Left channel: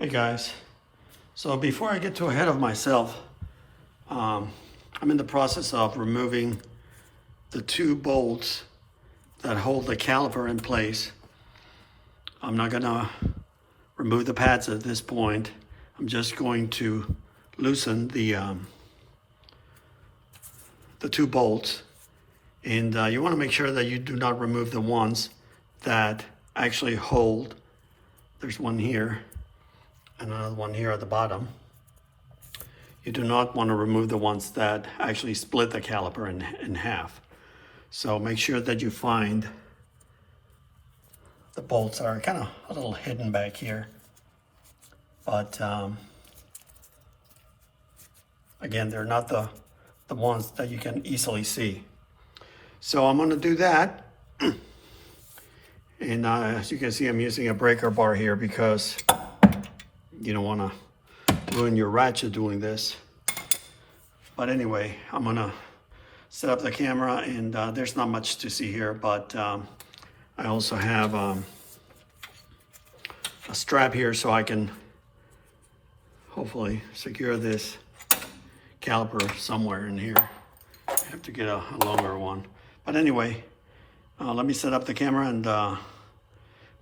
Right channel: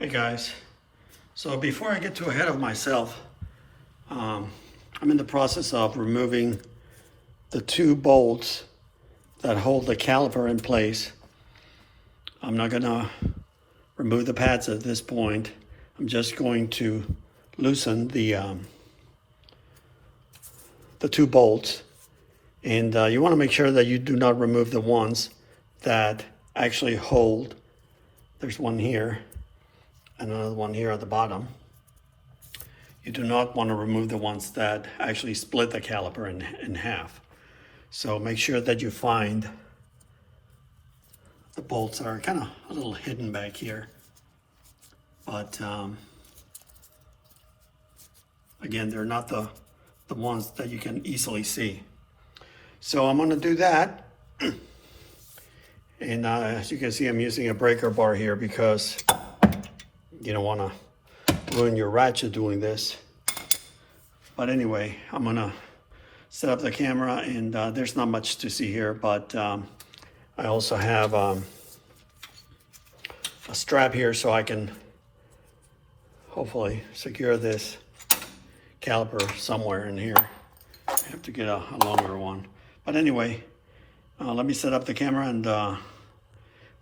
Hey guys, so before I get too ahead of myself, I'm in the process of removing the two bolts that hold the caliper in place. I'm not gonna remove the pads at this point. I'm just going to loosen the two bolts, and you want to make sure that you do not remove the ones that actually hold. There's one here and another one here at the bottom. You do not want to remove the ones that actually split the caliper in half. So make sure that you find the bolts that are kind of a little hidden back here. But again, they're not the ones that you can easily see. So I'm going to do that. And as you can see, I'm using a breaker bar here because you don't want to ruin your ratchet doing this. But anyway, I'm going to set up the camera, and there's not much to see here, but I also have a strap here so I can hopefully secure this caliper somewhere in here. I have to get a longer one. But anyway, let me set up the camera and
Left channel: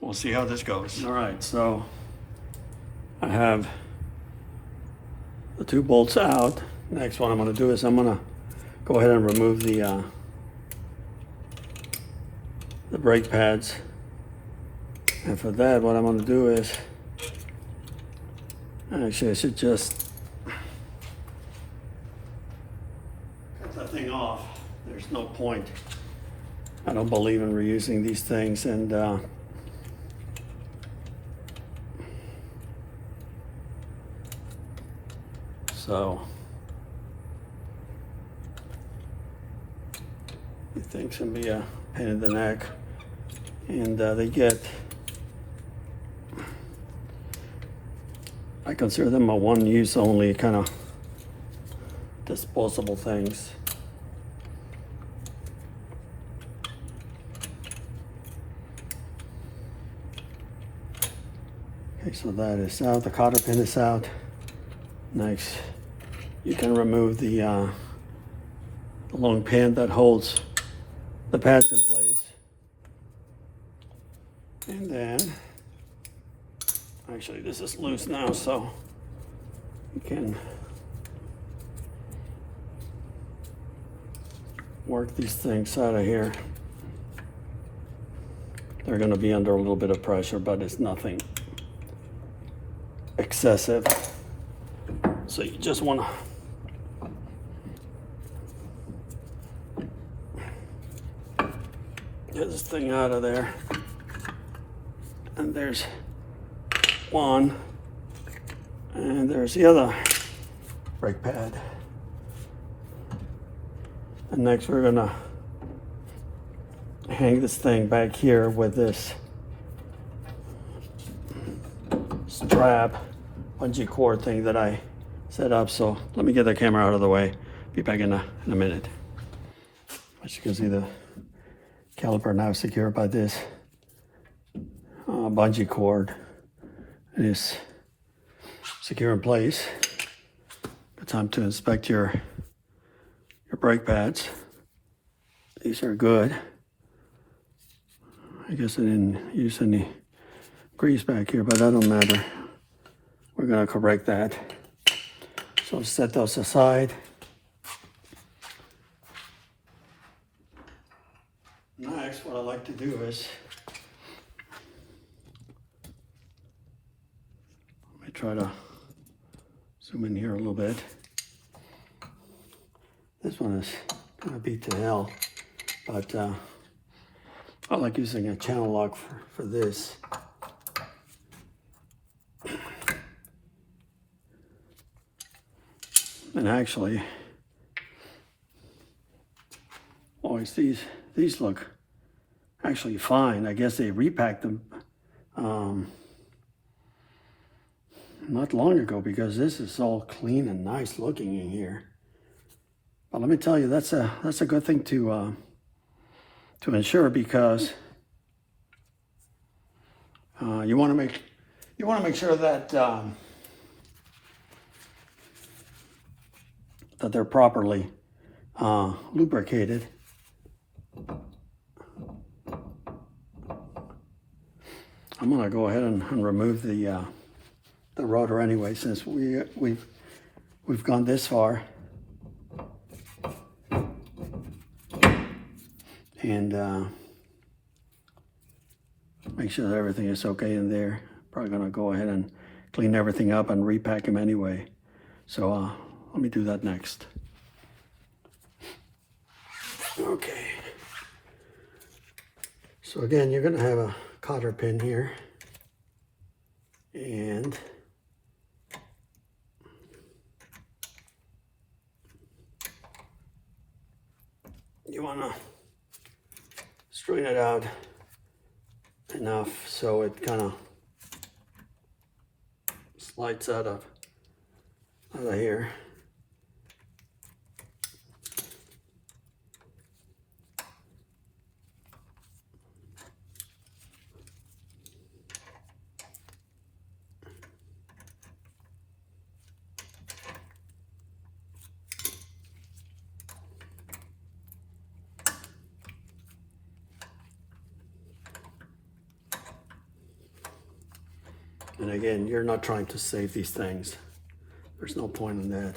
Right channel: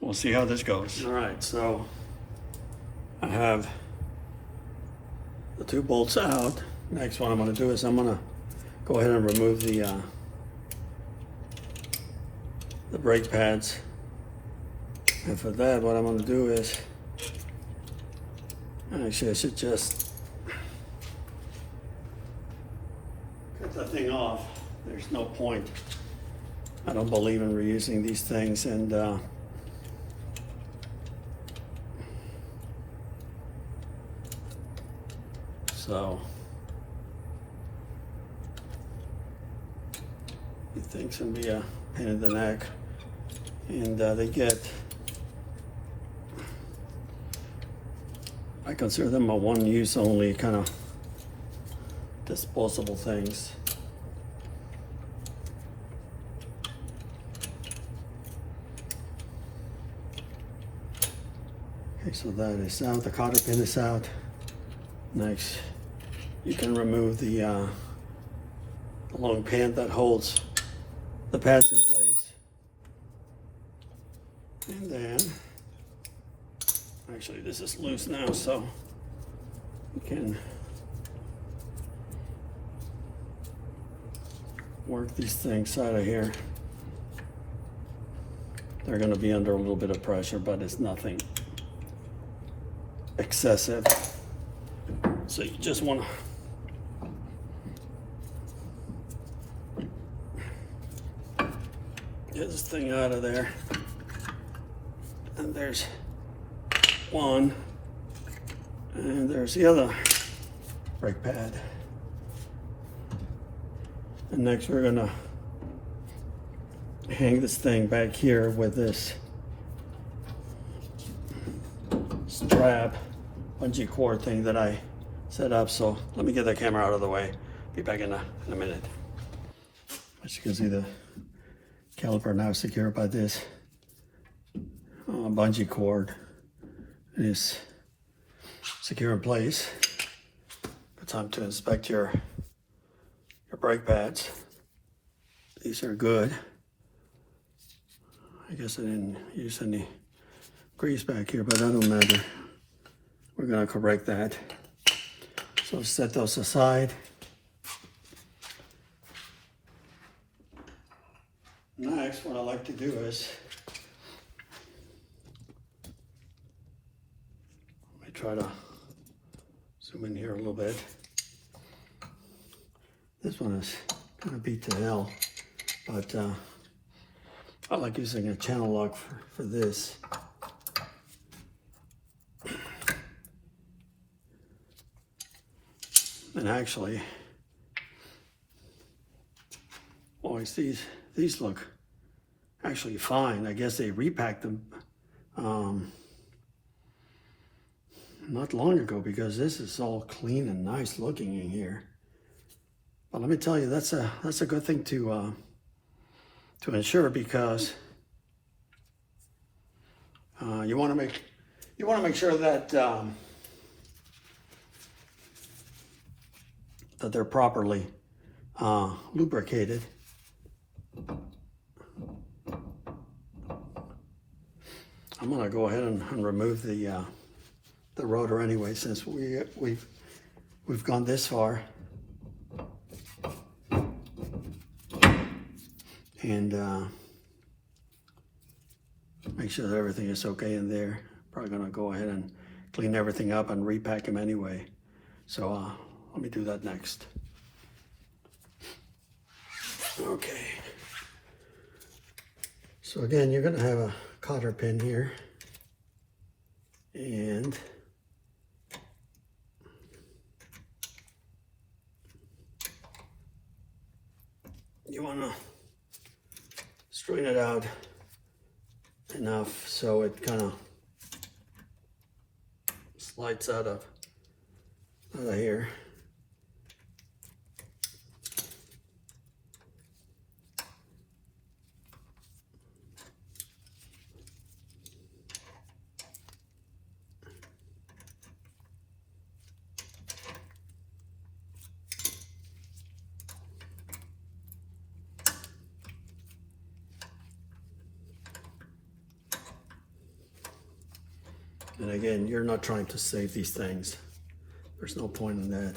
we'll see how this goes. All right, so I have the two bolts out. Next one I'm going to do is I'm going to go ahead and remove the brake pads. And for that, what I'm going to do is, actually I should just cut that thing off. There's no point. I don't believe in reusing these things, and so these things can be a pain in the neck, and they get, I consider them a one-use only kind of disposable things. Okay, so that is out. The cotter pin is out. Next, you can remove the long pin that holds the pads in place. And then, actually this is loose now, so you can work these things out of here. They're going to be under a little bit of pressure, but it's nothing excessive. So you just want to get this thing out of there. And there's one, and there's the other brake pad. And next we're gonna hang this thing back here with this strap bungee cord thing that I set up. So let me get the camera out of the way. Be back in a minute. As you can see, the caliper now secured by this bungee cord. It is secure in place. Good time to inspect your brake pads. These are good. I guess I didn't use any grease back here, but that don't matter. We're gonna correct that. So let's set those aside. Next, what I like to do is, let me try to zoom in here a little bit. This one is gonna beat to hell, but I like using a channel lock for this. And actually, always these look actually fine. I guess they repacked them not long ago, because this is all clean and nice looking in here. But let me tell you, that's a good thing to ensure, because you want to make You want to make sure that that they're properly lubricated. I'm going to go ahead and remove the rotor anyway, since we've gone this far. And make sure that everything is okay in there. Probably going to go ahead and clean everything up and repack them anyway. So let me do that next. Okay. So again, you're going to have a cotter pin here, and you want to straighten it out enough so it kind of slides out of here. And again, you're not trying to save these things. There's no point in that.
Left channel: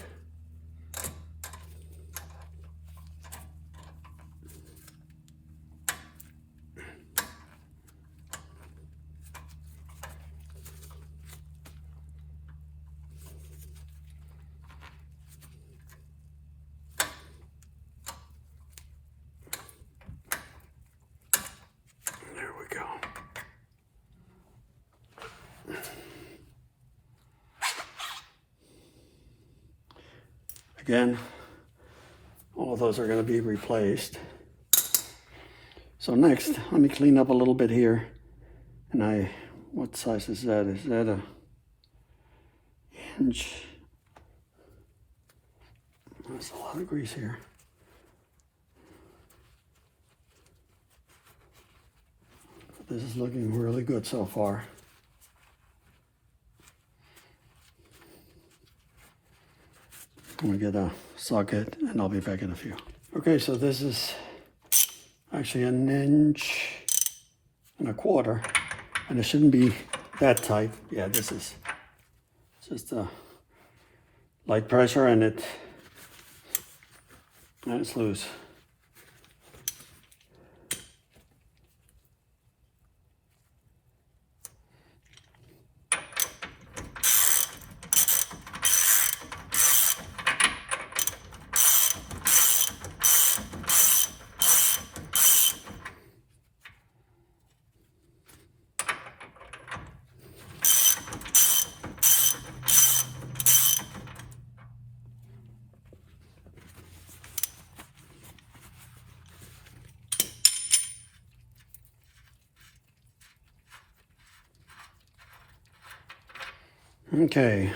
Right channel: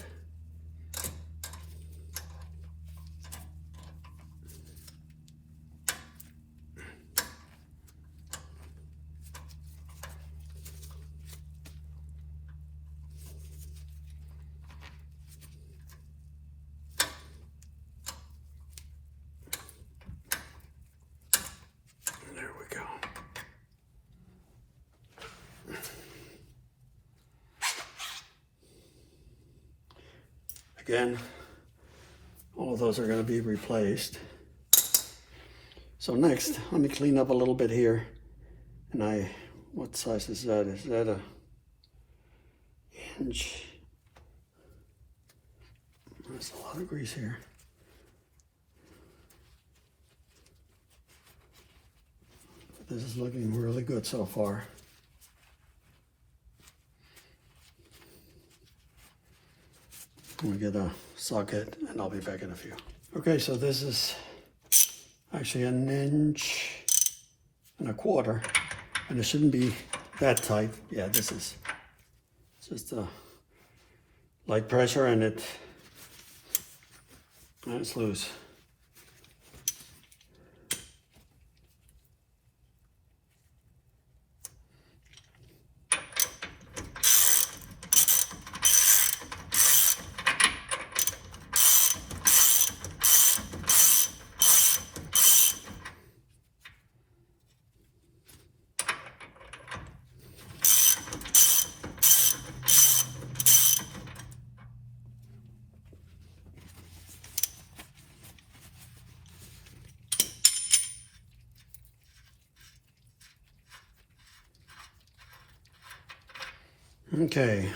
There we go. Again, all those are going to be replaced. So next, let me clean up a little bit here. And what size is that? Is that a inch? That's a lot of grease here. This is looking really good so far. I'm gonna get a socket and I'll be back in a few. Okay, so this is actually 1.25 inches, and it shouldn't be that tight. Yeah, this is just a light pressure and it's loose. Okay,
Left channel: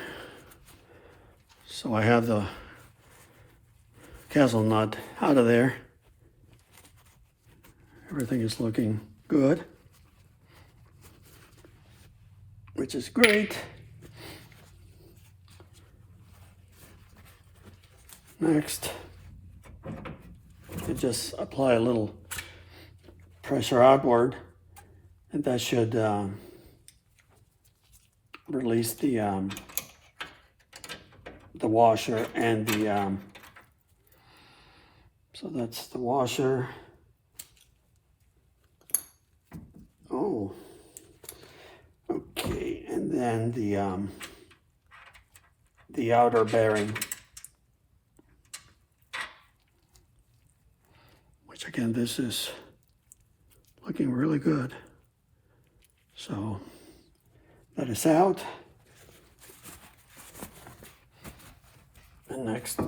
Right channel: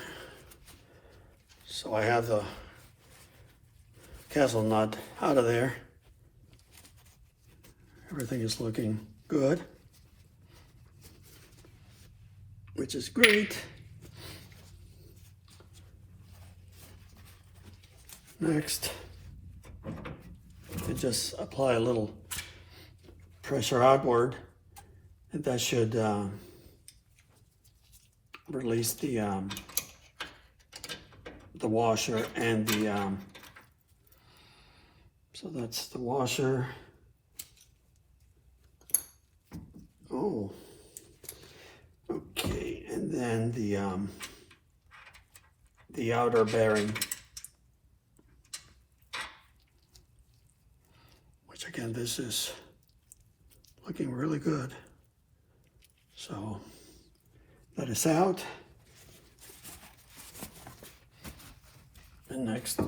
so I have the castle nut out of there. Everything is looking good, which is great. Next, I just apply a little pressure outward, and that should release the washer and the so that's the washer. Oh, okay, and then the outer bearing, which again, this is looking really good. So that is out. And next,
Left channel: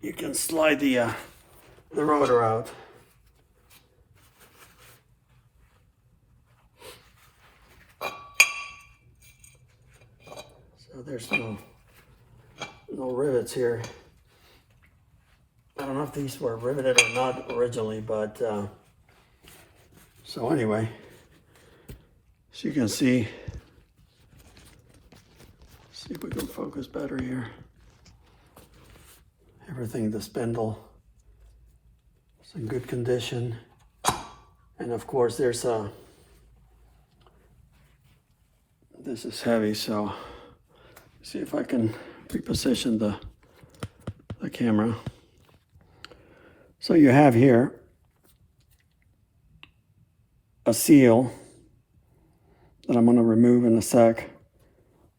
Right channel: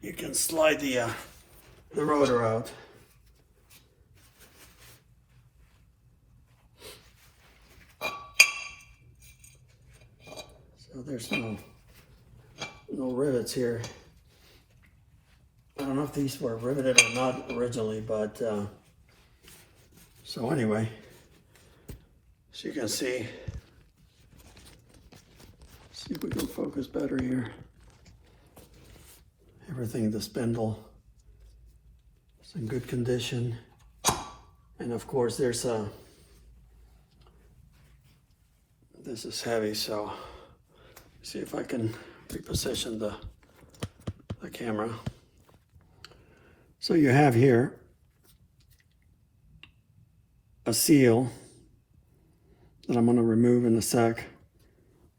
you can slide the rotor out. So there's no rivets here. I don't know if these were riveted or not originally, but so So anyway, as you can see if we can focus better here. Everything, the spindle is in good condition. And of course there's a, this is heavy, so see if I can reposition the camera. So you have here a seal that I'm going to remove in a sec,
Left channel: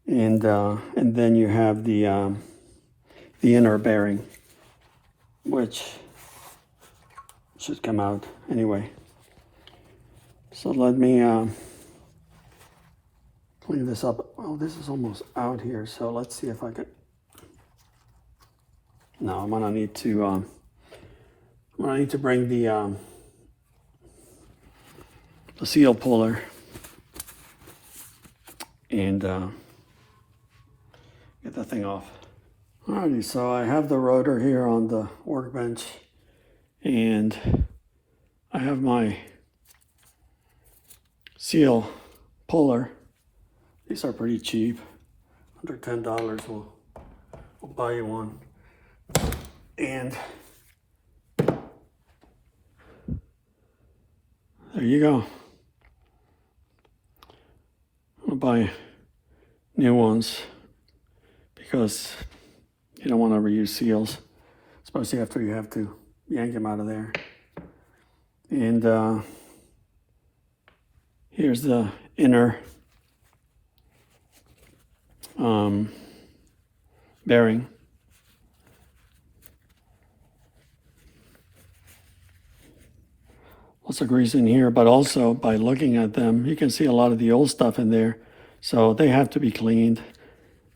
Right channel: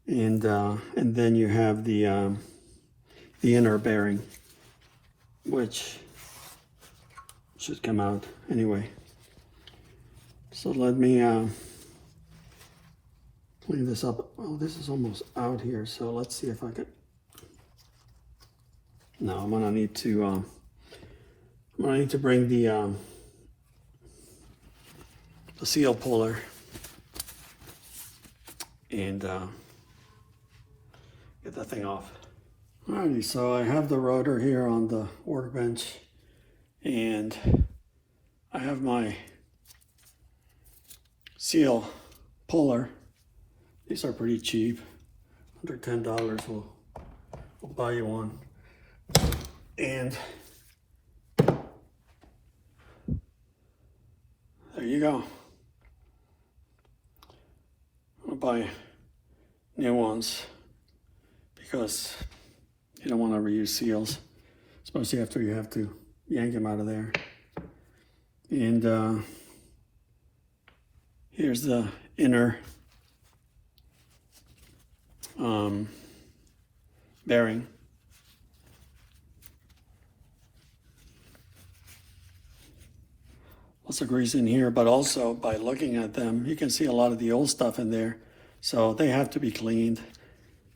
and then you have the inner bearing, which should come out anyway. So let me clean this up. Well, this is almost out here, so let's see if I can. No, I'm gonna need to bring the seal puller and get that thing off. Alrighty, so I have the rotor here on the workbench, and I have my seal puller. These are pretty cheap, under $10. We'll buy you one. And there you go. I'll buy new ones because you don't want to reuse seals, especially after you have to yank them out of there. And here's the inner bearing. Lots of grease in here, but also by looking at them, you can see a lot of the old stuff in there, so they have to be cleaned.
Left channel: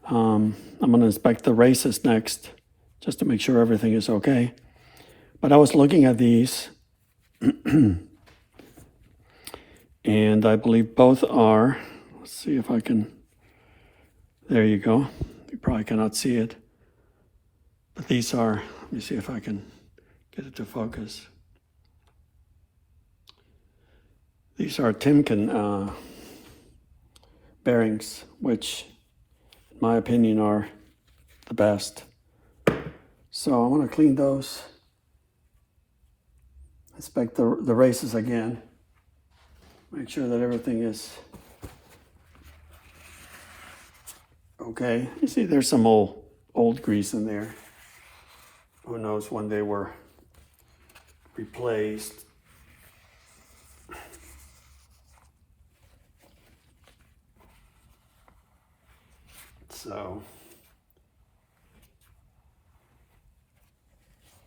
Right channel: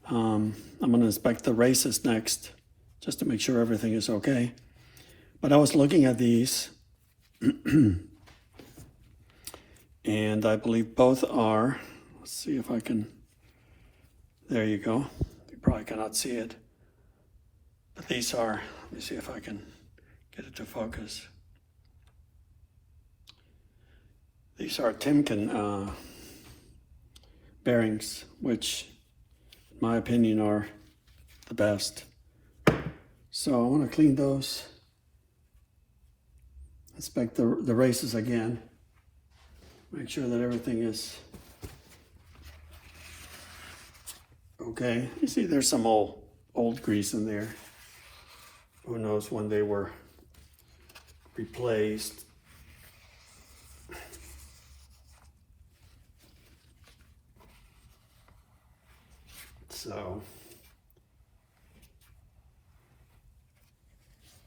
I'm going to inspect the races next, just to make sure everything is okay. But I was looking at these, and I believe both are, let's see if I can, there you go. You probably cannot see it. But these are, let me see if I can get it to focus. These are Timken bearings, which in my opinion are the best. So I want to clean those, inspect the races again, make sure that everything is okay. You see there's some old grease in there. Who knows when they were replaced. So,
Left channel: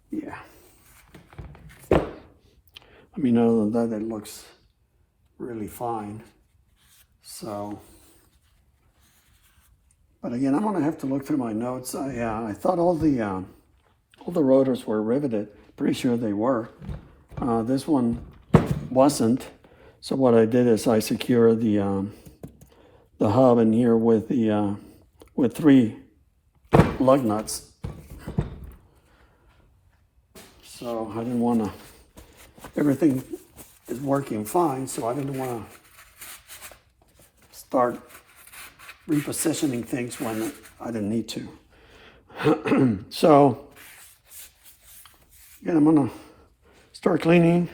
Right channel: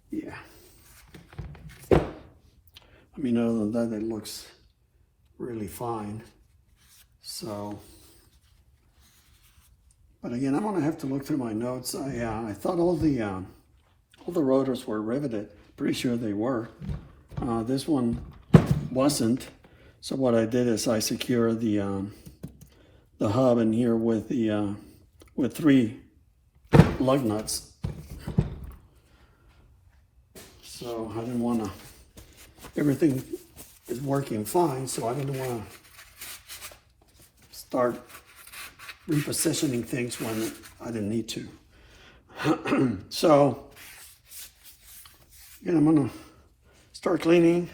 yeah. I mean, other than that, it looks really fine. So, but again, I'm gonna have to look through my notes. I thought all the rotors were riveted. Pretty sure they were. This one wasn't. So what I did is I secured the hub in here with the with 3 lug nuts. So I didn't want to, everything is working fine, so I didn't want to start repositioning things when I didn't need to. So again, I'm going to start cleaning,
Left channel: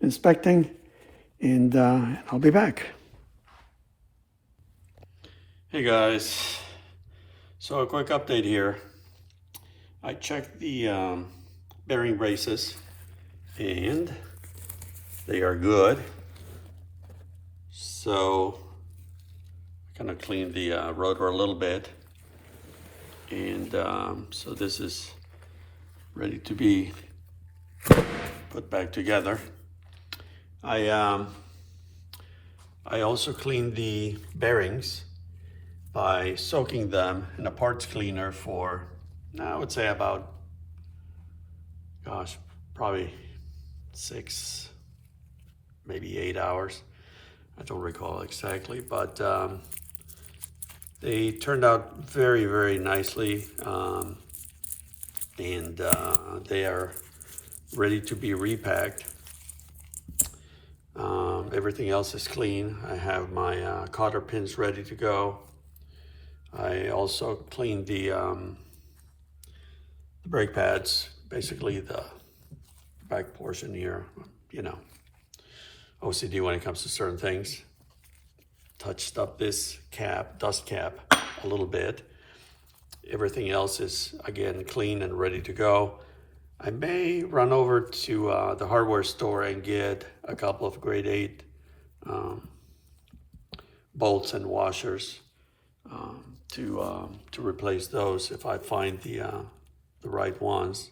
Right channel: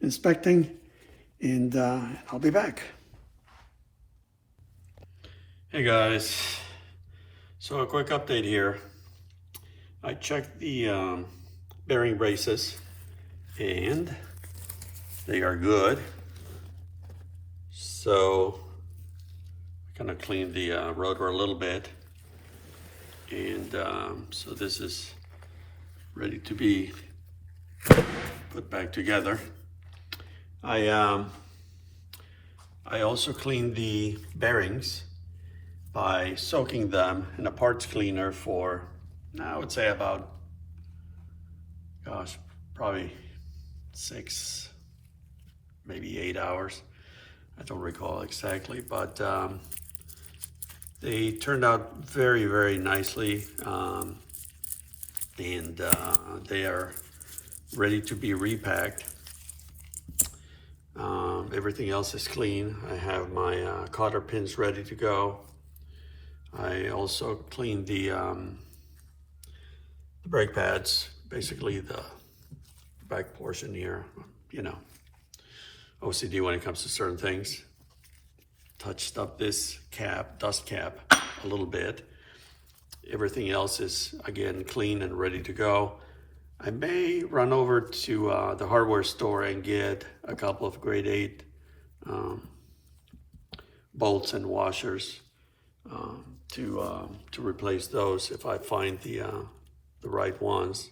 inspecting, and I'll be back. Hey guys. So a quick update here. I checked the bearing braces and they are good. So I'm gonna clean the rotor a little bit. And so this is ready to be put back together. I also cleaned the bearings by soaking them in a parts cleaner for, I would say about, gosh, probably 6, maybe 8 hours. I don't recall exactly, but they turned out very, very nicely. And they are ready to be repacked. everything else is clean. I have my cotter pins ready to go. I also cleaned the brake pads, basically the back portion here, you know, OCD when it comes to certain things. Touched up this cap, dust cap, a little bit. Everything else is, again, clean and ready to go. I may run over to the hardware store and get a couple of grade 8 bolts and washers to replace those if I find the right ones.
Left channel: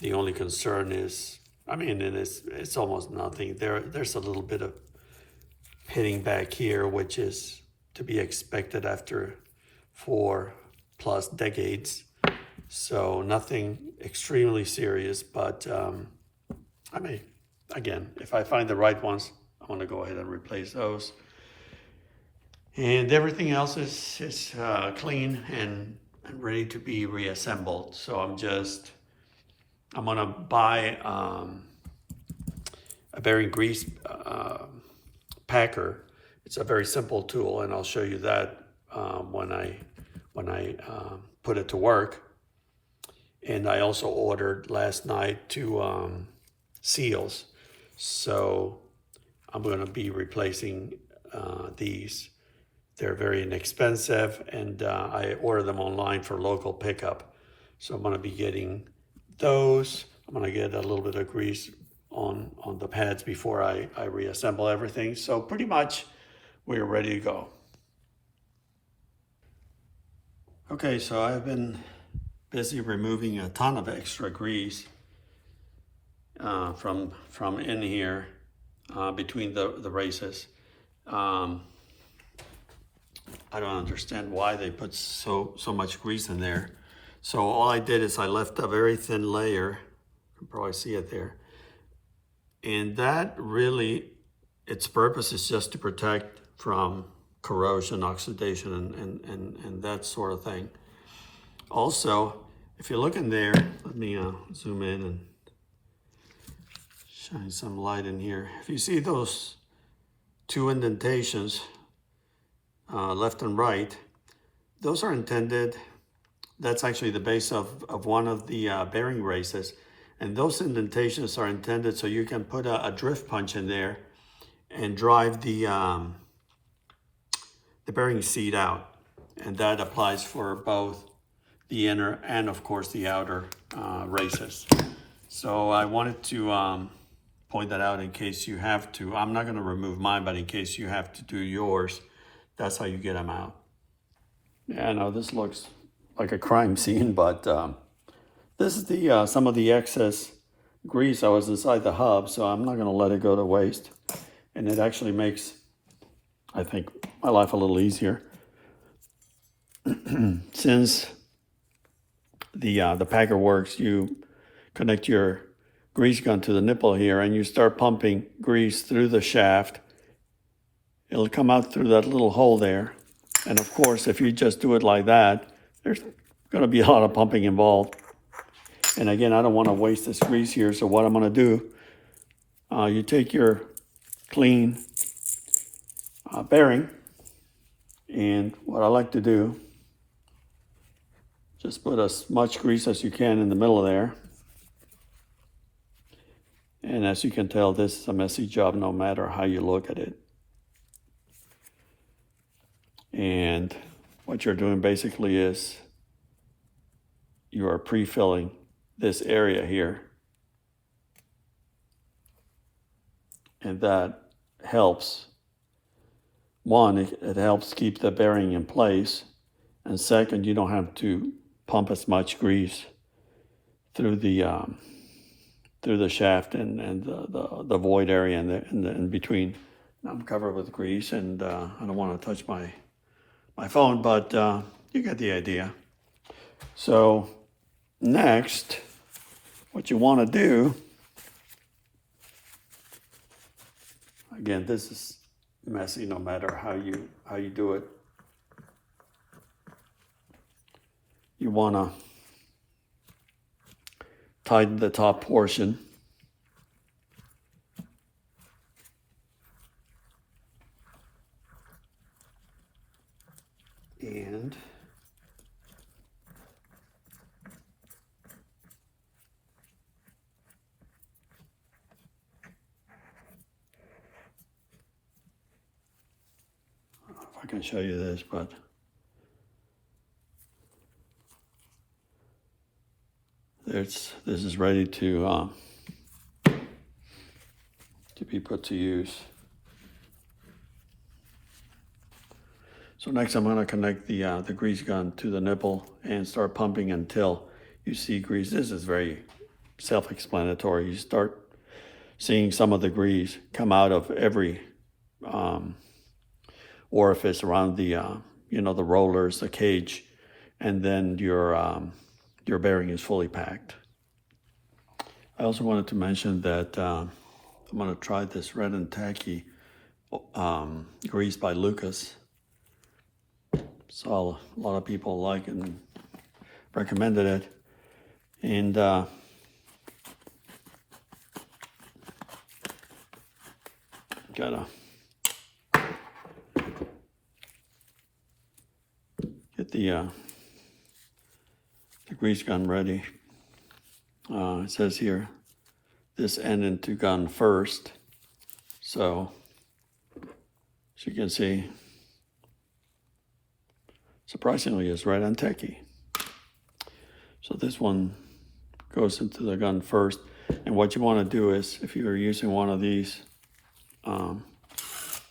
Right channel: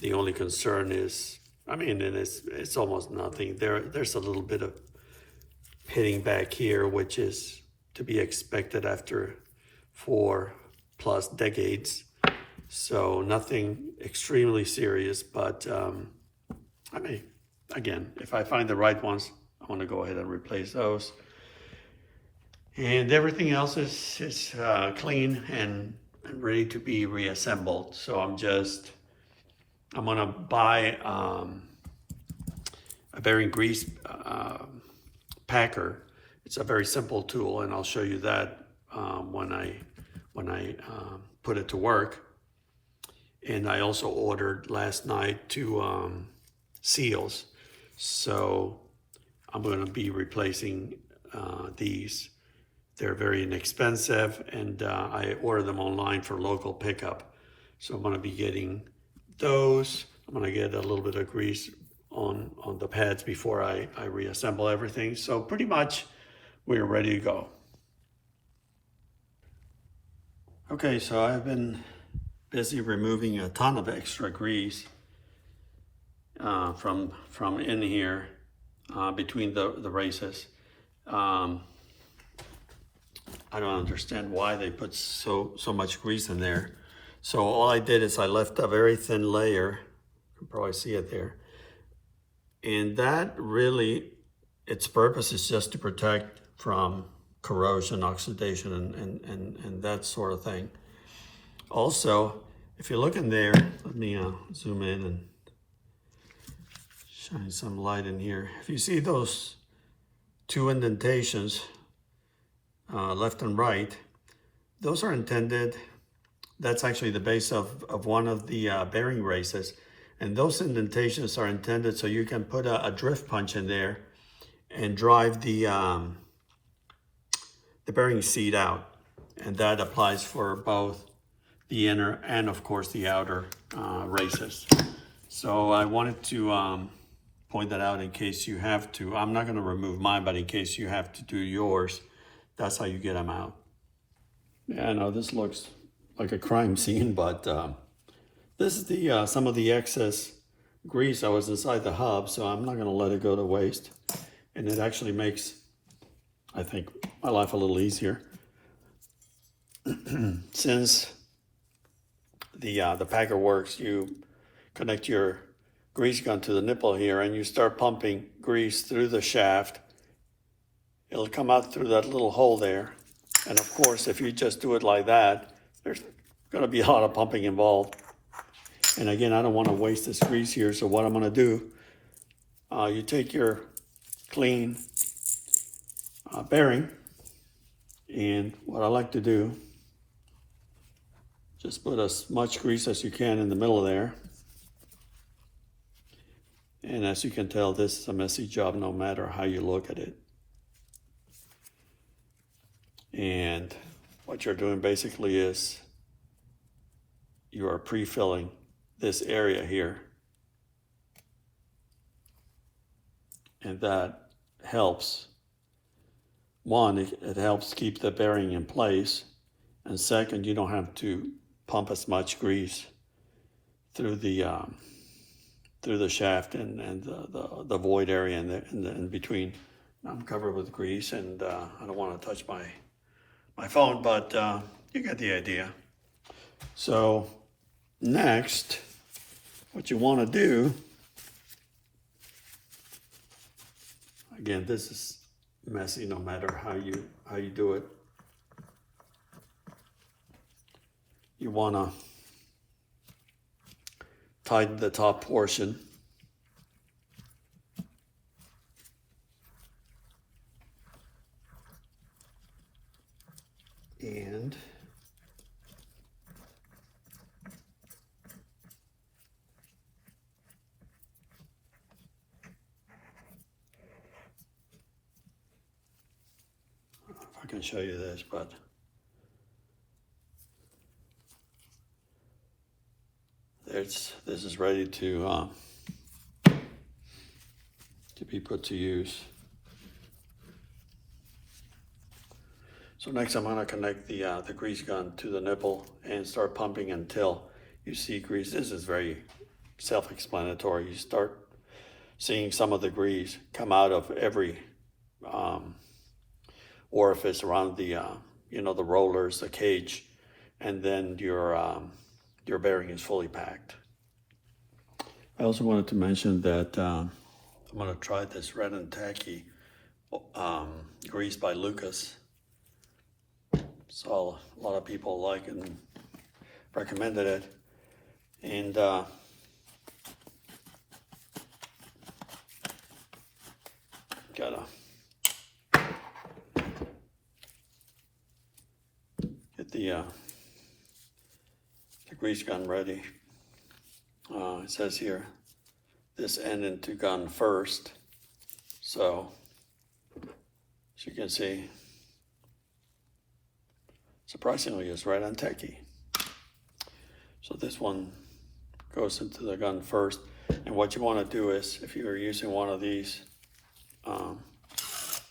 The only concern is, I mean, and it's almost nothing. There's a little bit of pitting back here, which is to be expected after 4+ decades. So nothing extremely serious, but I mean, again, if I find the right ones, I want to go ahead and replace those. And everything else is clean and ready to be reassembled. So I'm gonna buy a bearing grease packer. It's a very simple tool, and I'll show you that when I put it to work. And I also ordered last night 2 seals. So I'm going to be replacing these. They're very inexpensive, and I ordered them online for local pickup. So I'm going to be getting those. I'm going to get a little bit of grease on the pads before I reassemble everything. So pretty much we're ready to go. Okay, so I've been busy removing a ton of extra grease from in here between the races. I don't understand why they put so much grease in there. So all I did is I left a very thin layer. You can probably see it there. And that really, its purpose is just to protect from corrosion, oxidation, and that sort of thing. Also, if you look in there, let me zoom in and shine some light in here. If you see those 2 indentations, left and right, those are intended, that's actually the base of one of the bearing races. And those indentations are intended so you can put a drift punch in there and drive the bearing seat out. And that applies for both the inner and of course the outer races. So I wanted to point that out in case you have to. I'm not going to remove mine, but in case you have to do yours, that's how you get them out. Yeah, I know this looks like a crime scene, but this is the some of the excess grease that was inside the hub, so I'm not going to let it go to waste. And it actually makes, I think, my life a little easier. Since the packer works, you connect your grease gun to the nipple here and you start pumping grease through the shaft. It'll come out through that little hole there. And of course, if you just do it like that, there's going to be a lot of pumping involved. And again, I don't want to waste this grease here, so what I'm going to do, you take your clean bearing, and what I like to do, just put as much grease as you can in the middle of there. And as you can tell, this is a messy job no matter how you look at it. And what you're doing basically is you are pre-filling this area here. And that helps. One, it helps keep the bearing in place. And second, you don't have to pump as much grease through the shaft and the void area in between. I'm covered with grease, and I don't want to touch my phone, but you get the idea. So next, what you want to do, again, this is messy no matter how you do it. You want to tighten the top portion. And if I can show you this, but this is ready to be put to use. So next I'm going to connect the grease gun to the nipple and start pumping until you see grease. This is very self-explanatory. You start seeing some of the grease come out of every orifice around the the rollers, the cage, and then your bearing is fully packed. I also wanted to mention that I'm going to try this Red and Tacky grease by Lucas. Saw a lot of people like and recommended it, and gotta get the grease gun ready. It says here this end into gun first, so as you can see, surprisingly, it's Red and Tacky. So this one goes into the gun first, and what you want to do is, if you are using one of these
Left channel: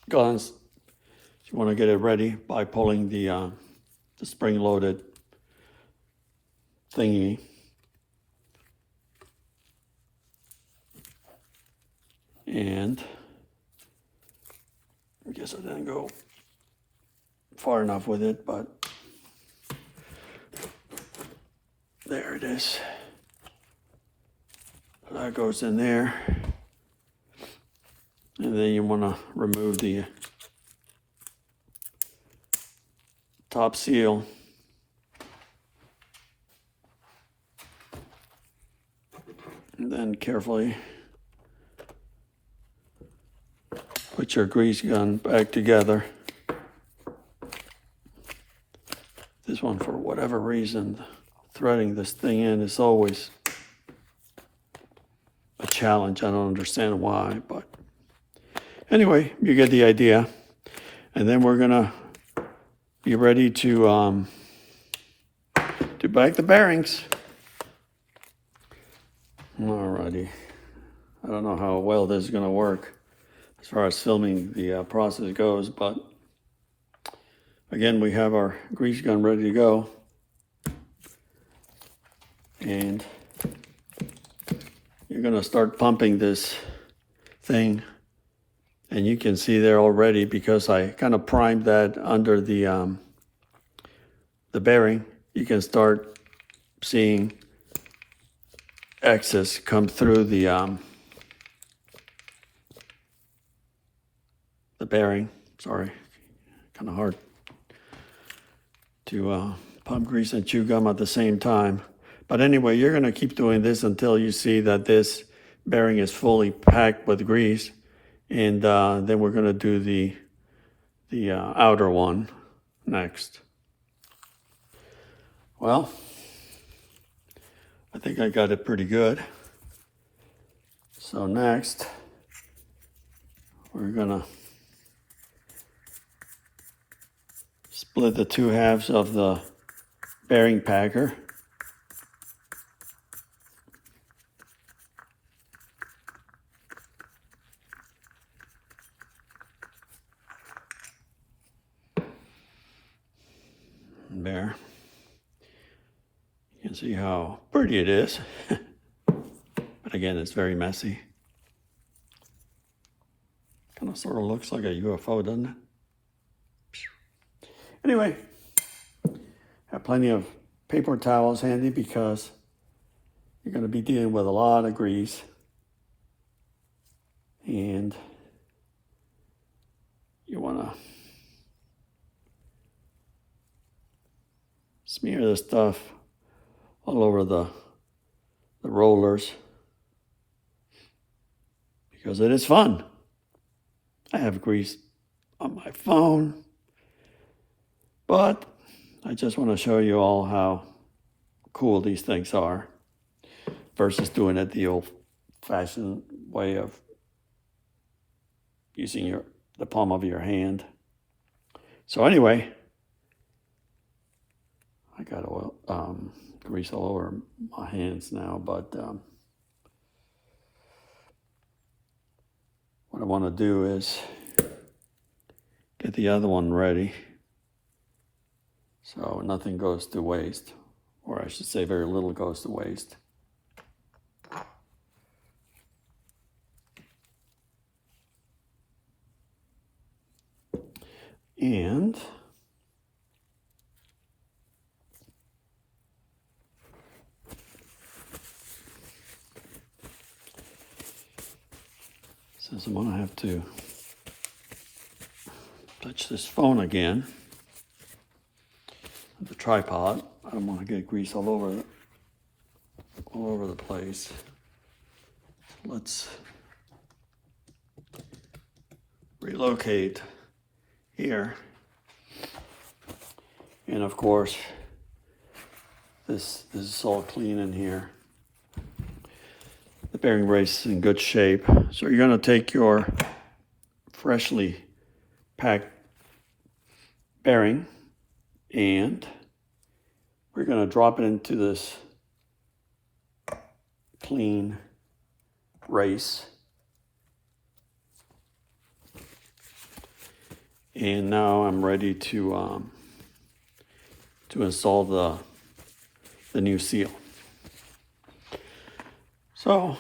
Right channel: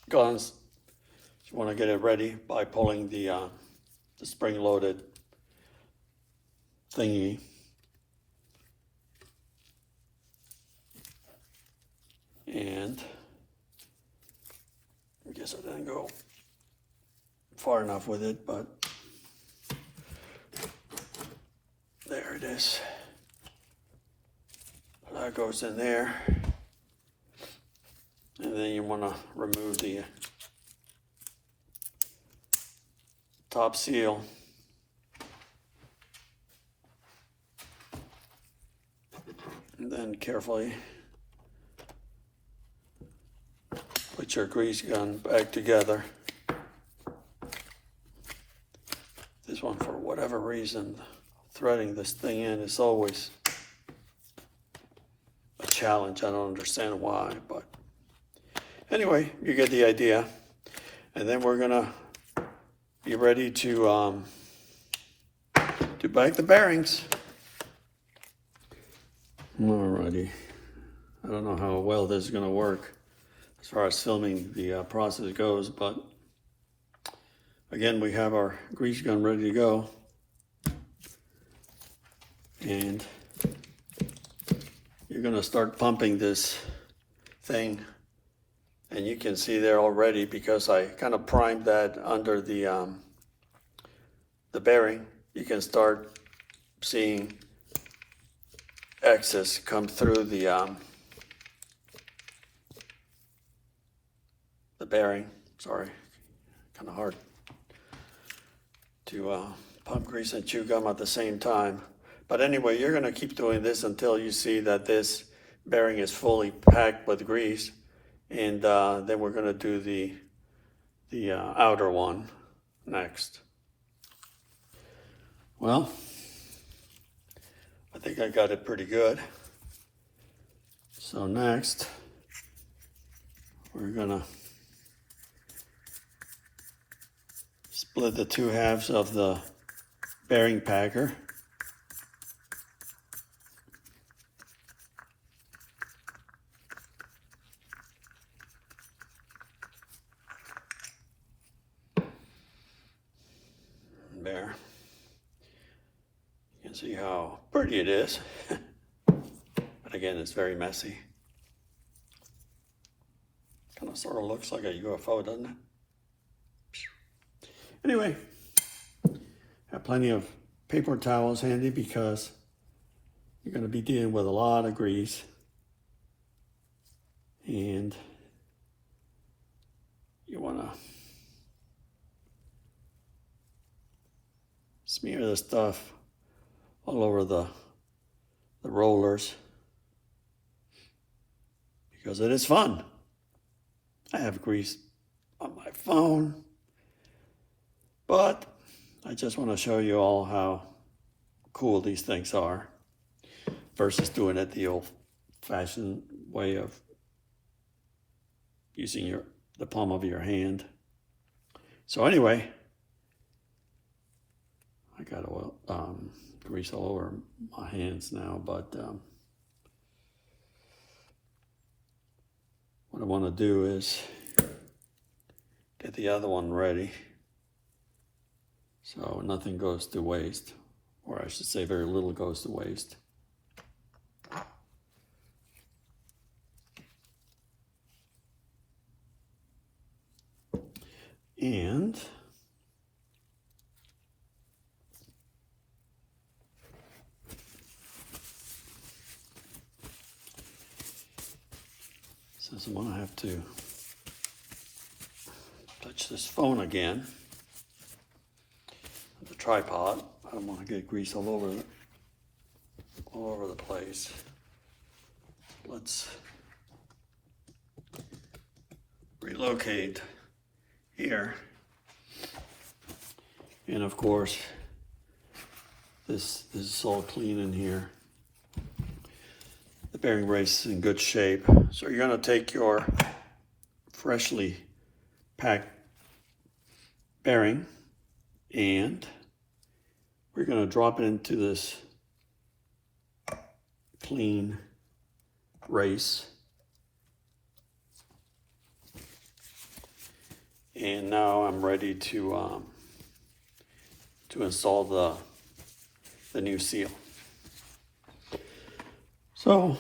guns, you want to get it ready by pulling the spring-loaded thingy. And I guess I didn't go far enough with it, but there it is. That goes in there. And then you want to remove the top seal. And then carefully put your grease gun back together. This one, for whatever reason, threading this thing in is always a challenge. I don't understand why, but anyway, you get the idea. And then we're gonna be ready to back the bearings. Alrighty. I don't know how well this is gonna work as far as filming the process goes, but again, we have our grease gun ready to go. And you're gonna start pumping this thing. And you can see there already, because I kind of primed that under the bearing, you can start seeing excess come through the bearing. Sorry, kind of hard to pump grease and chew gum at the same time. But anyway, you're gonna keep doing this until you see that this bearing is fully packed with grease. And then we're gonna do the outer one next. Well, I think I got it pretty good. So next, we're gonna split the two halves of the bearing packer. There. You can see how pretty it is. But again, it's very messy. Kind of sort of looks like a UFO, doesn't it? Anyway, have plenty of paper towels handy because you're going to be dealing with a lot of grease. And you want to smear this stuff all over the rollers, because it is fun. I have grease on my phone, but I just want to show you all how cool these things are versus doing it the old-fashioned way of using the palm of your hand. So anyway, I got oil, grease all over my hands now, but what I want to do is get the other one ready so nothing goes to waste, or I should say very little goes to waste. And since I'm going to have to touch this phone again, the tripod, I don't want to get grease all over the place. Let's relocate here, and of course this is all clean in here. The bearing brace is in good shape, so you're going to take your freshly packed bearing and we're going to drop it into this clean race. And now I'm ready to install the new seal. So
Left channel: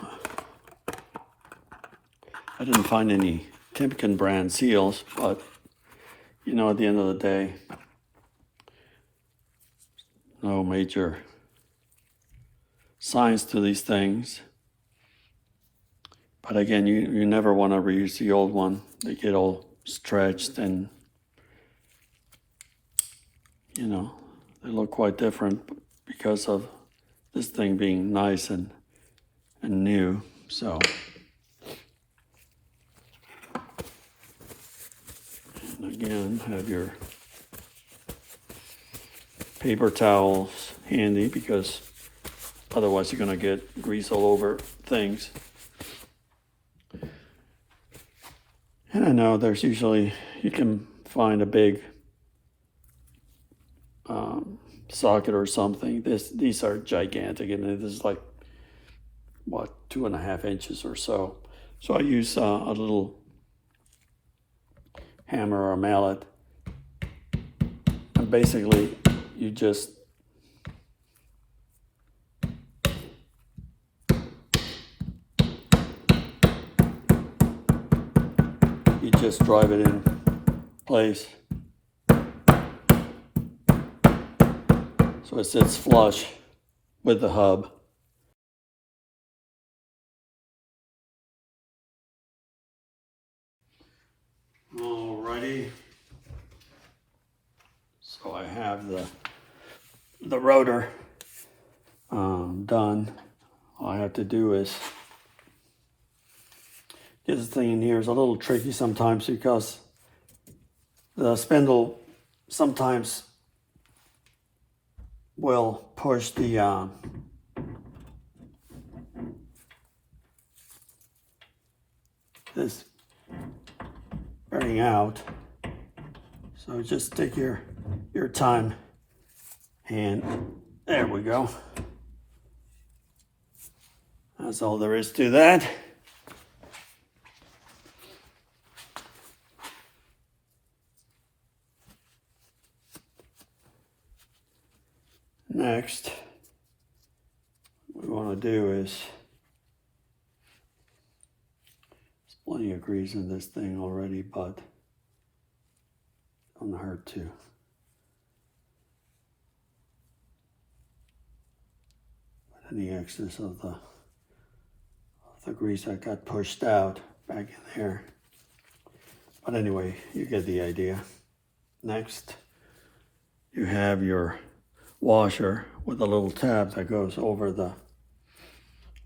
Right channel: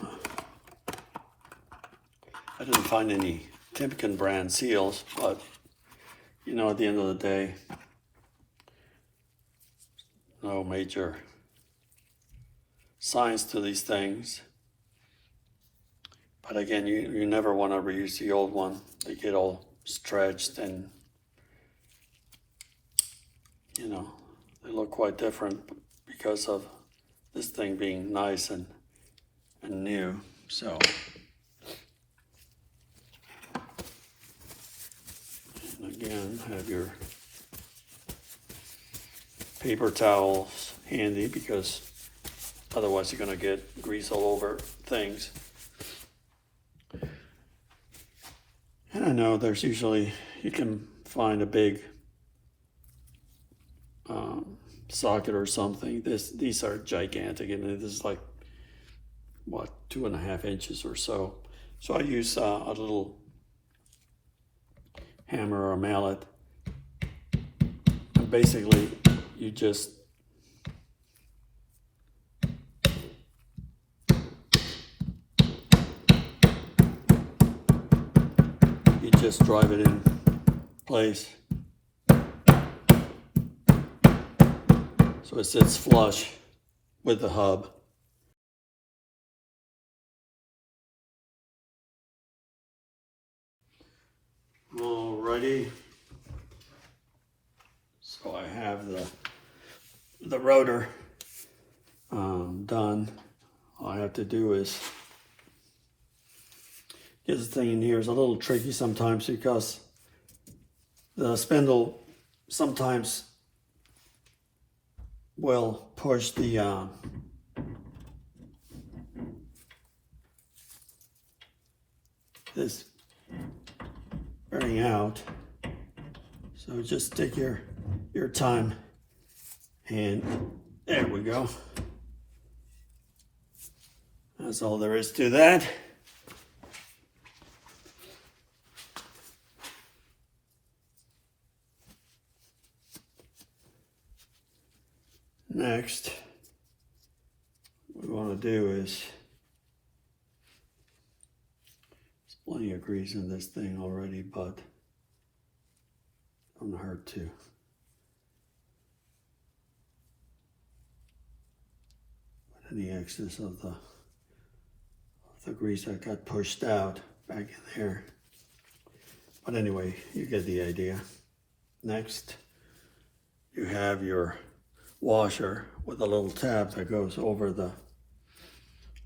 I didn't find any Timken brand seals, but you know, at the end of the day, no major science to these things. But again, you never want to reuse the old one. They get all stretched and, you know, they look quite different because of this thing being nice and new. So, and again, have your paper towels handy because otherwise you're going to get grease all over things. And I know there's usually, you can find a big socket or something. These are gigantic. I mean, this is like, what, 2.5 inches or so. So I use a little hammer or a mallet. And basically, you just drive it in place so it sits flush with the hub. Alrighty, so I have the rotor done. All I have to do is get this thing in here. Is a little tricky sometimes because the spindle sometimes will push the this bearing out. So just take your time, and there we go. That's all there is to that. Next, what we want to do is, there's plenty of grease in this thing already, but don't hurt to put any excess of the grease that got pushed out back in there. But anyway, you get the idea. Next, you have your washer with a little tab that goes over the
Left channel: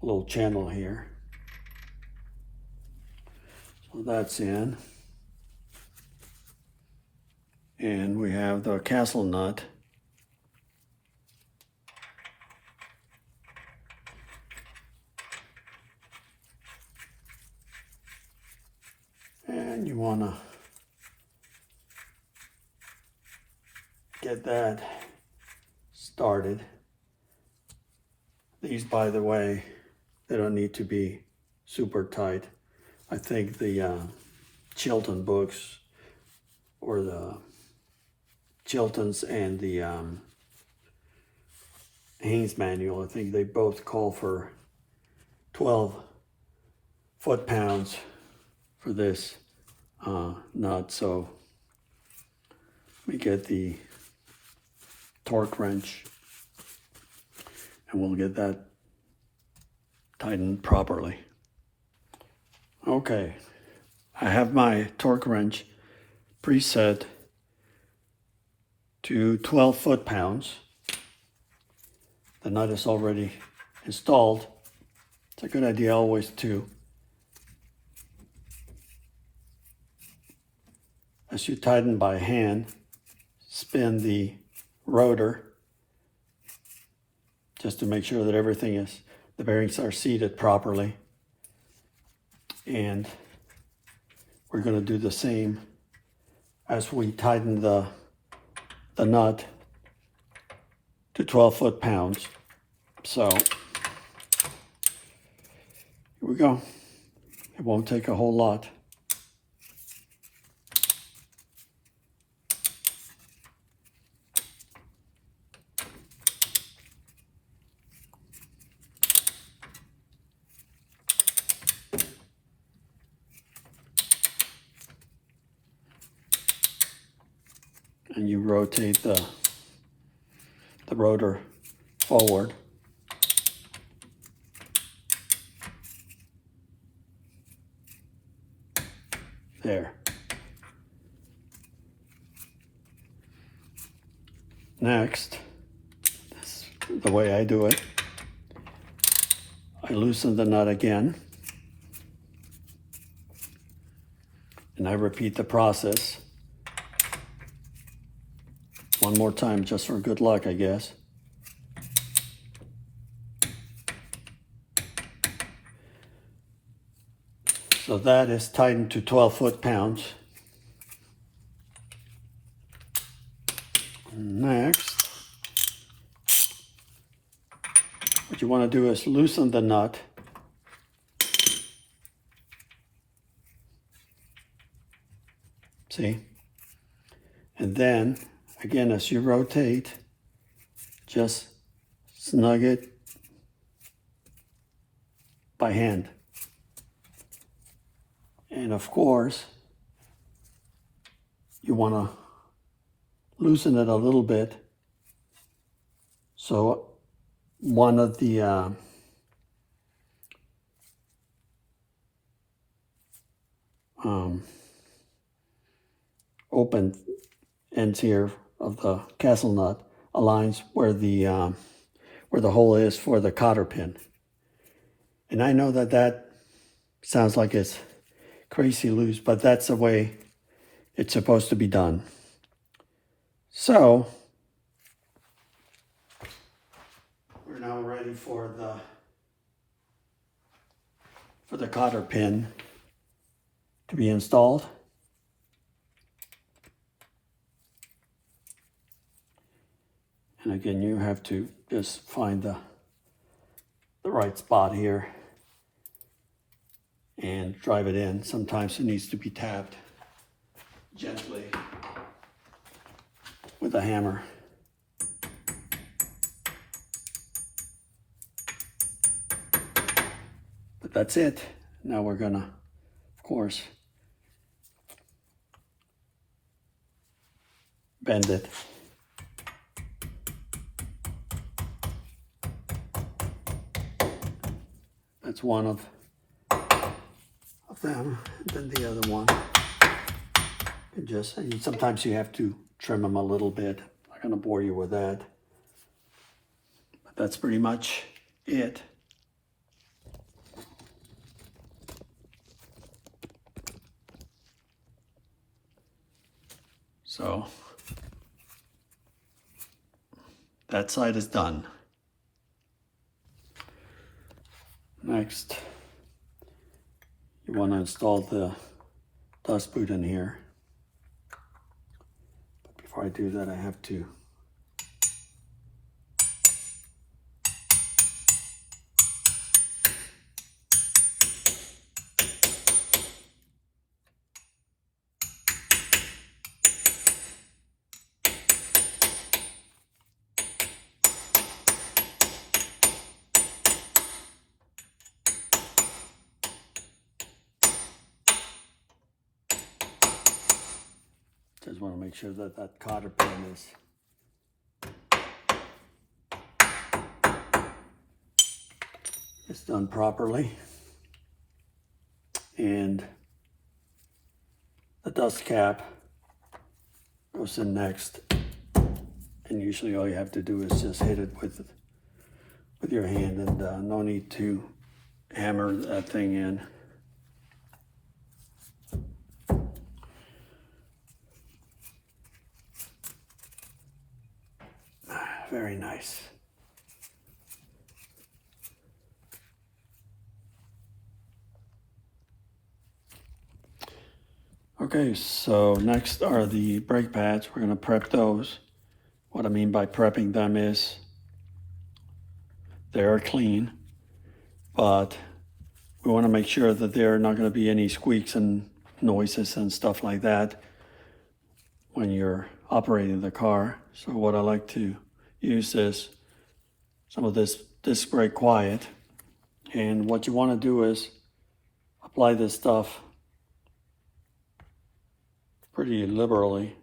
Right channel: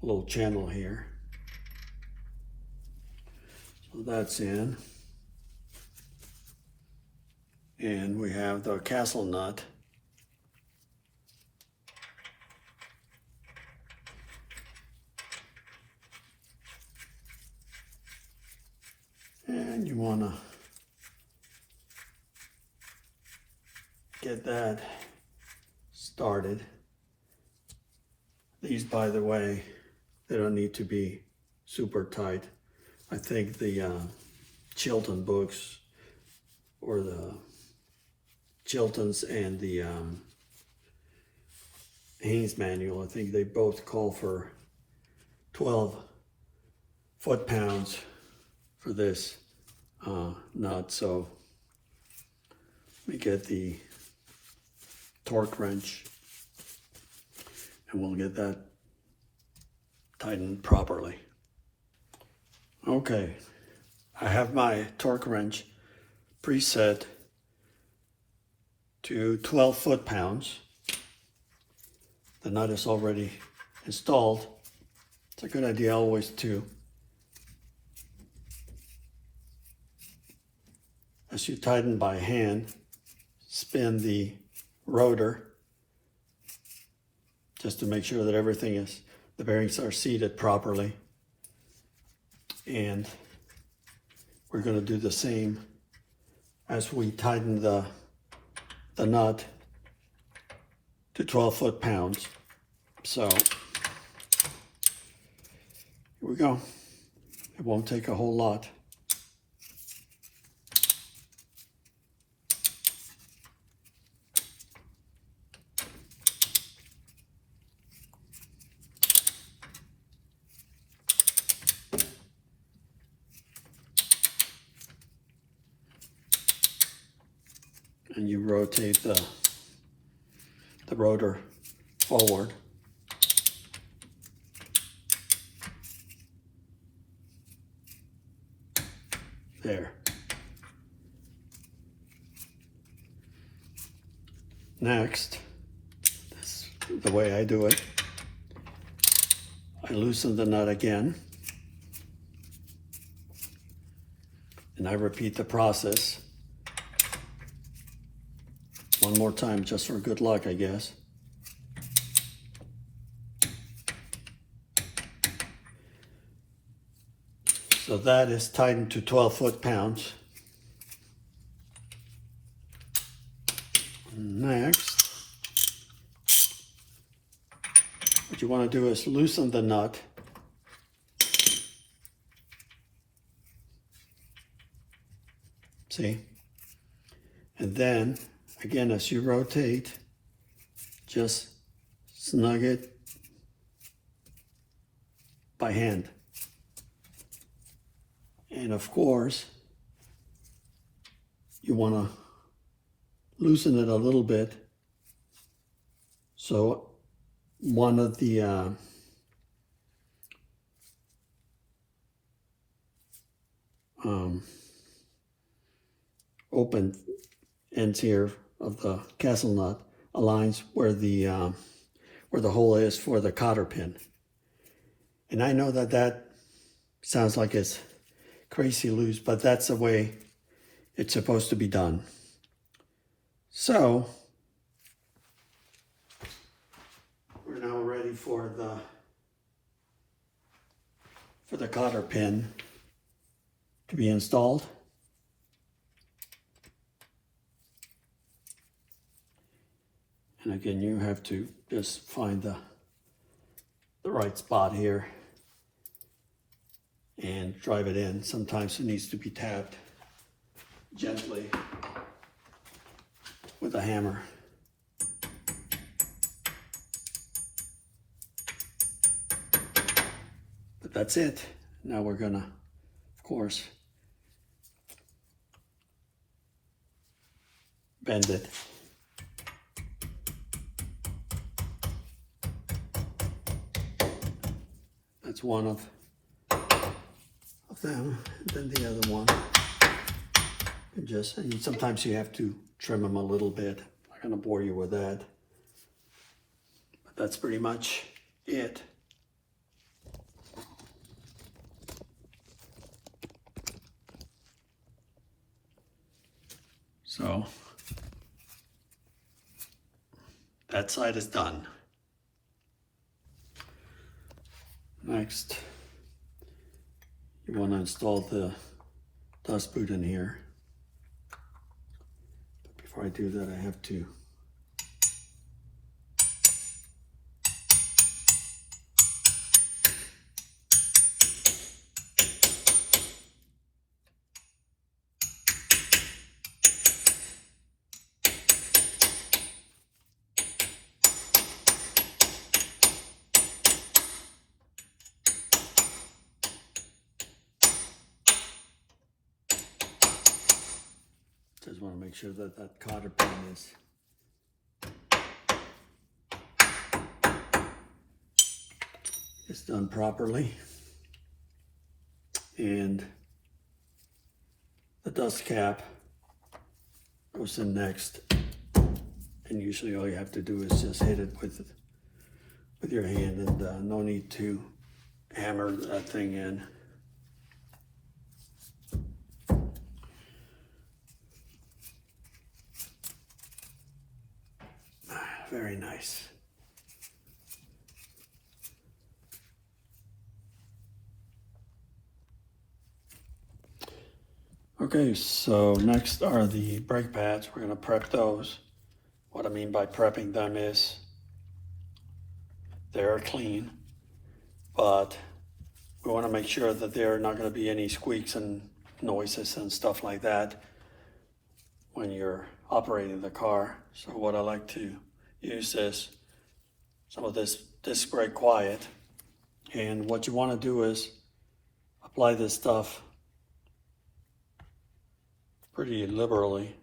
little channel here. So that's in. And we have the castle nut get that started. These, by the way, they don't need to be super tight. I think the Chilton books, or the Chiltons and the Haynes manual, I think they both call for 12 foot-pounds for this nut. So let me get the torque wrench and we'll get that tightened properly. Okay, I have my torque wrench preset to 12 foot-pounds. The nut is already installed. It's a good idea always to, as you tighten by hand, spin the rotor just to make sure that everything is, the bearings are seated properly. And we're going to do the same as we tighten the nut to 12 foot-pounds. So here we go. It won't take a whole lot. And you rotate the rotor forward. There. Next, this is the way I do it. I loosen the nut again. And I repeat the process one more time, just for good luck, I guess. So that is tightened to 12 foot-pounds. Next, what you want to do is loosen the nut. See? And then, again, as you rotate, just snug it by hand. And of course, you want to loosen it a little bit so one of the open ends here of the castle nut aligns where the hole is for the cotter pin. And I know that that sounds like it's crazy loose, but that's the way it's supposed to be done. So we're now ready for the cotter pin to be installed. And again, you have to just find the right spot here and drive it in. Sometimes it needs to be tapped gently with a hammer. But that's it. Now we're gonna, of course, bend it. That's one of them. And then the other one. And sometimes you have to trim them a little bit. I'm not going to bore you with that. But that's pretty much it. So that side is done. Next, you want to install the dust boot in here. But before I do that, I have to just want to make sure that that cotter pin is done properly, and the dust cap goes in next, and usually all you have to do is just hit it with your hand, and no need to hammer that thing in. Very nice. Okay, so next are the brake pads. We're going to prep those. What I mean by prepping them is they are clean, but we want to make sure that there are not going to be any squeaks and noises and stuff like that when you're operating the car. So what I like to use is some of this disc brake quiet, and what you want to do is apply this stuff pretty liberally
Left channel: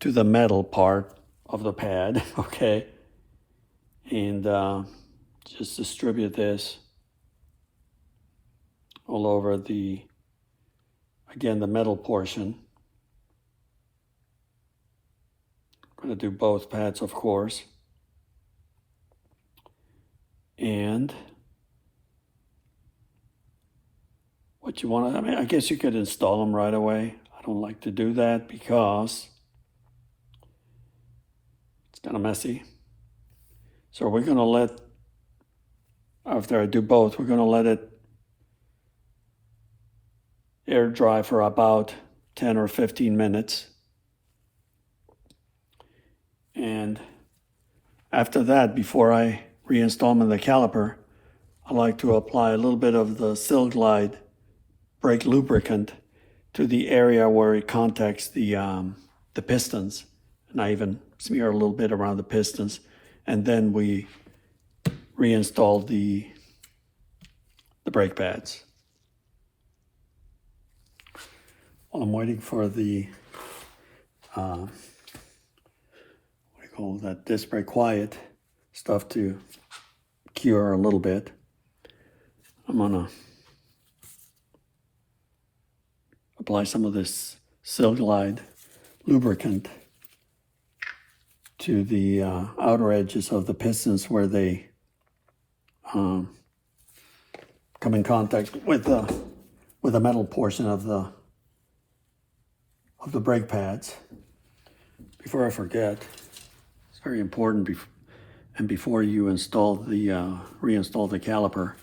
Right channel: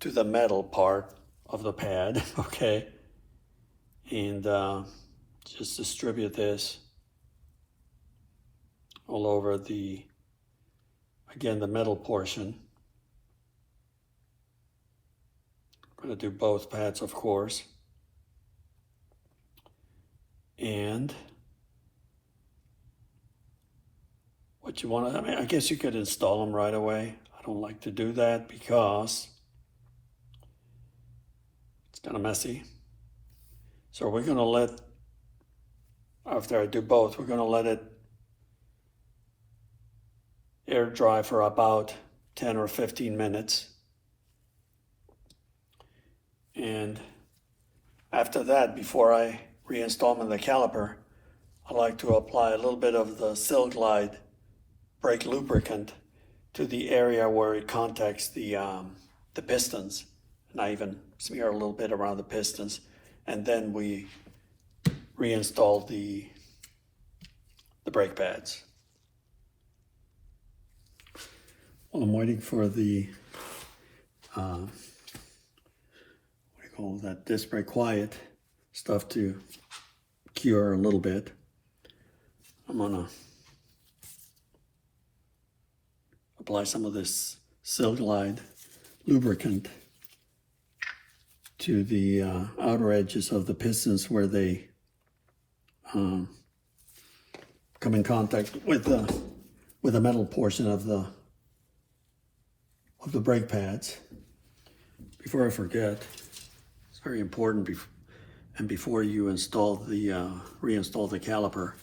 to the metal part of the pad, okay, and just distribute this all over the metal portion. I'm going to do both pads, of course. And what you want to, I mean, I guess you could install them right away. I don't like to do that because it's kind of messy. So we're going to let, after I do both, we're going to let it air dry for about 10 or 15 minutes. And after that, before I reinstall them in the caliper, I like to apply a little bit of the Sil-Glyde brake lubricant to the area where it contacts the pistons. And I even smear a little bit around the pistons. And then we reinstall the brake pads. While I'm waiting for the call that disc brake quiet stuff to cure a little bit, I'm gonna apply some of this Sil-Glyde lubricant to the outer edges of the pistons where they come in contact with the metal portion of the brake pads. Before I forget, it's very important, and before you install the reinstall the caliper,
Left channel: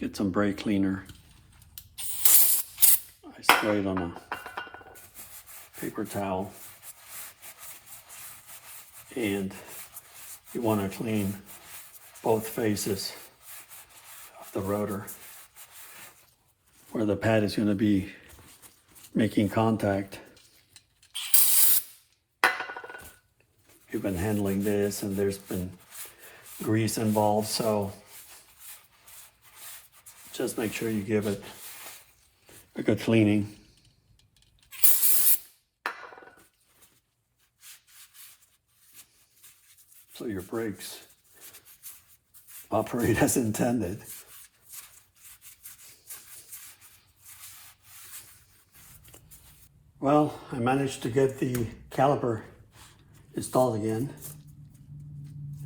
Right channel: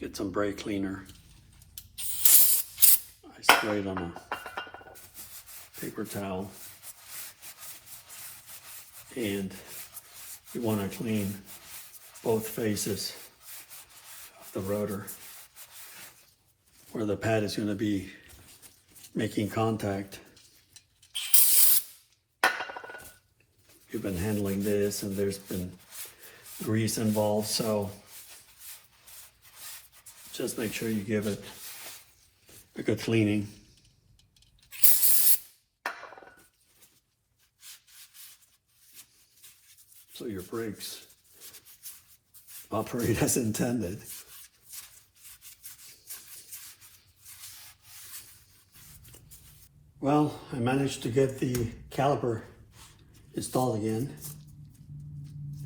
get some brake cleaner. I spray it on a paper towel, and you want to clean both faces of the rotor where the pad is going to be making contact. You've been handling this and there's been grease involved, so just make sure you give it a good cleaning. So your brakes operate as intended. Well, I managed to get the caliper installed again,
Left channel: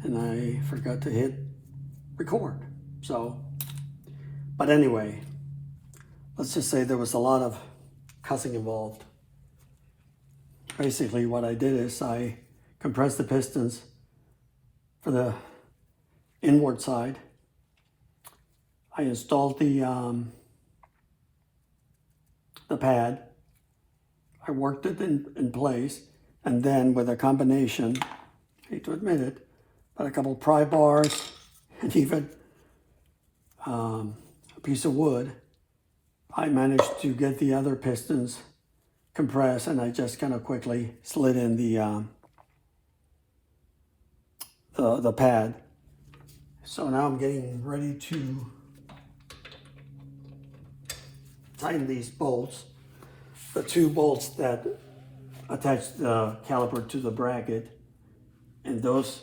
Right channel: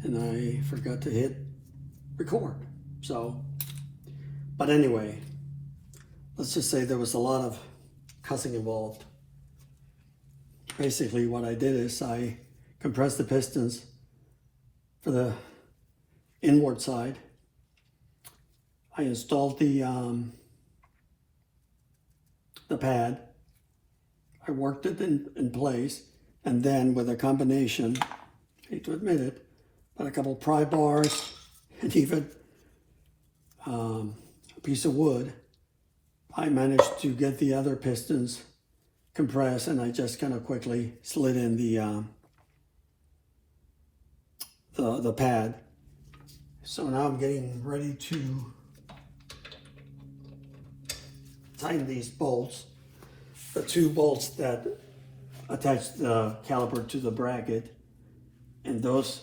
and I forgot to hit record. So, but anyway, let's just say there was a lot of cussing involved. Basically what I did is I compressed the pistons for the inward side. I installed the pad. I worked it in place, and then with a combination, hate to admit it, but a couple pry bars and even a piece of wood, I managed to get the other pistons compressed, and I just kind of quickly slid in the pad. So now I'm getting ready to tighten these bolts, the two bolts that attach the caliper to the bracket, and those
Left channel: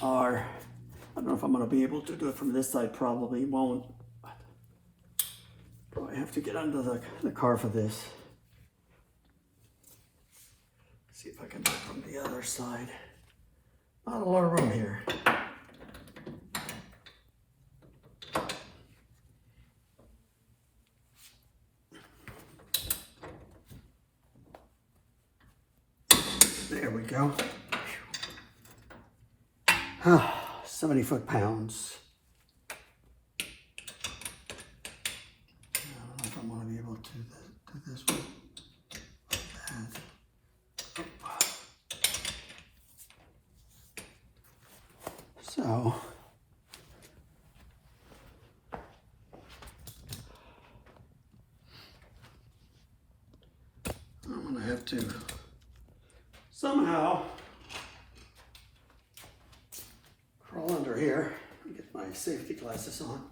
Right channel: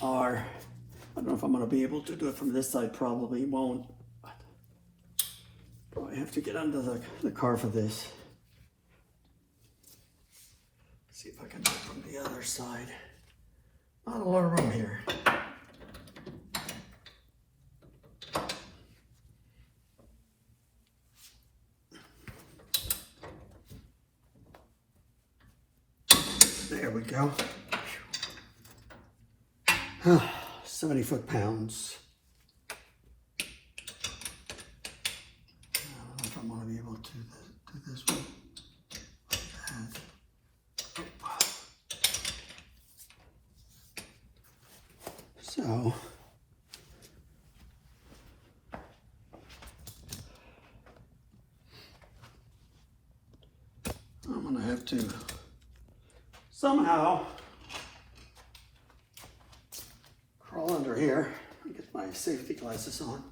are, I don't know if I'm going to be able to do it from this side, probably won't. Probably have to get under the car for this. See if I can do it from the other side. Not a lot of room here. There we go. 70 foot-pounds. I don't know if I'm going to be able to do this one like that. So, I'm going to have to somehow crawl under here and get my safety glasses on.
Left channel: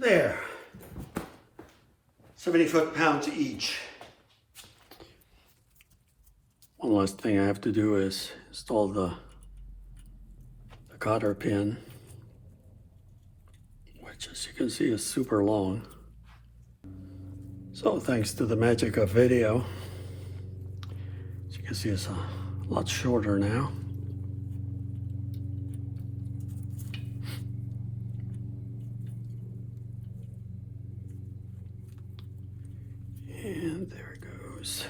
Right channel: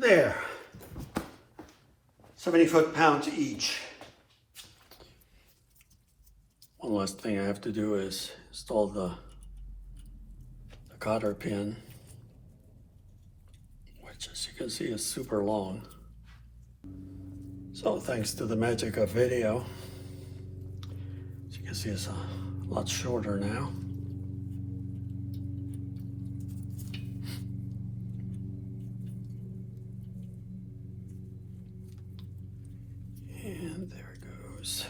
There, 70 foot-pounds each. One last thing I have to do is install the Cotter pin, which, as you can see, is super long. So thanks to the magic of video, as you can see, it's a lot shorter now. And there it goes.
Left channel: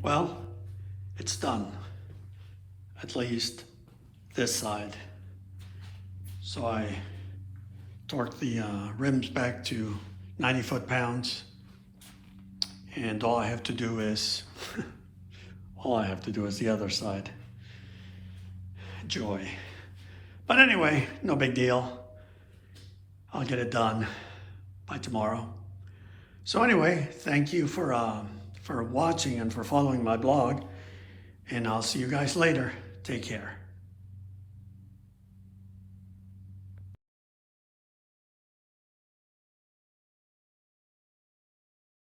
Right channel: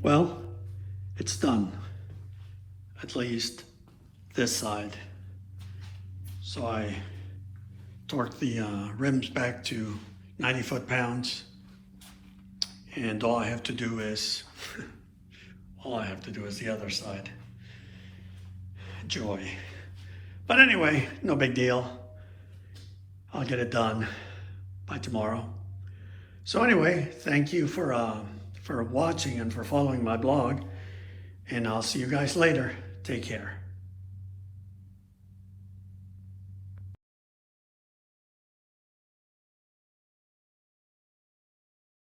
Well, it's done, at least this side. So I torqued the rims back to 90 foot-pounds, and all I have to do is the other side. Joy. But anyway, no big deal. I'll get it done by tomorrow. So anyway, thank you for watching and for following my blog, and I'll see you guys later. Take care.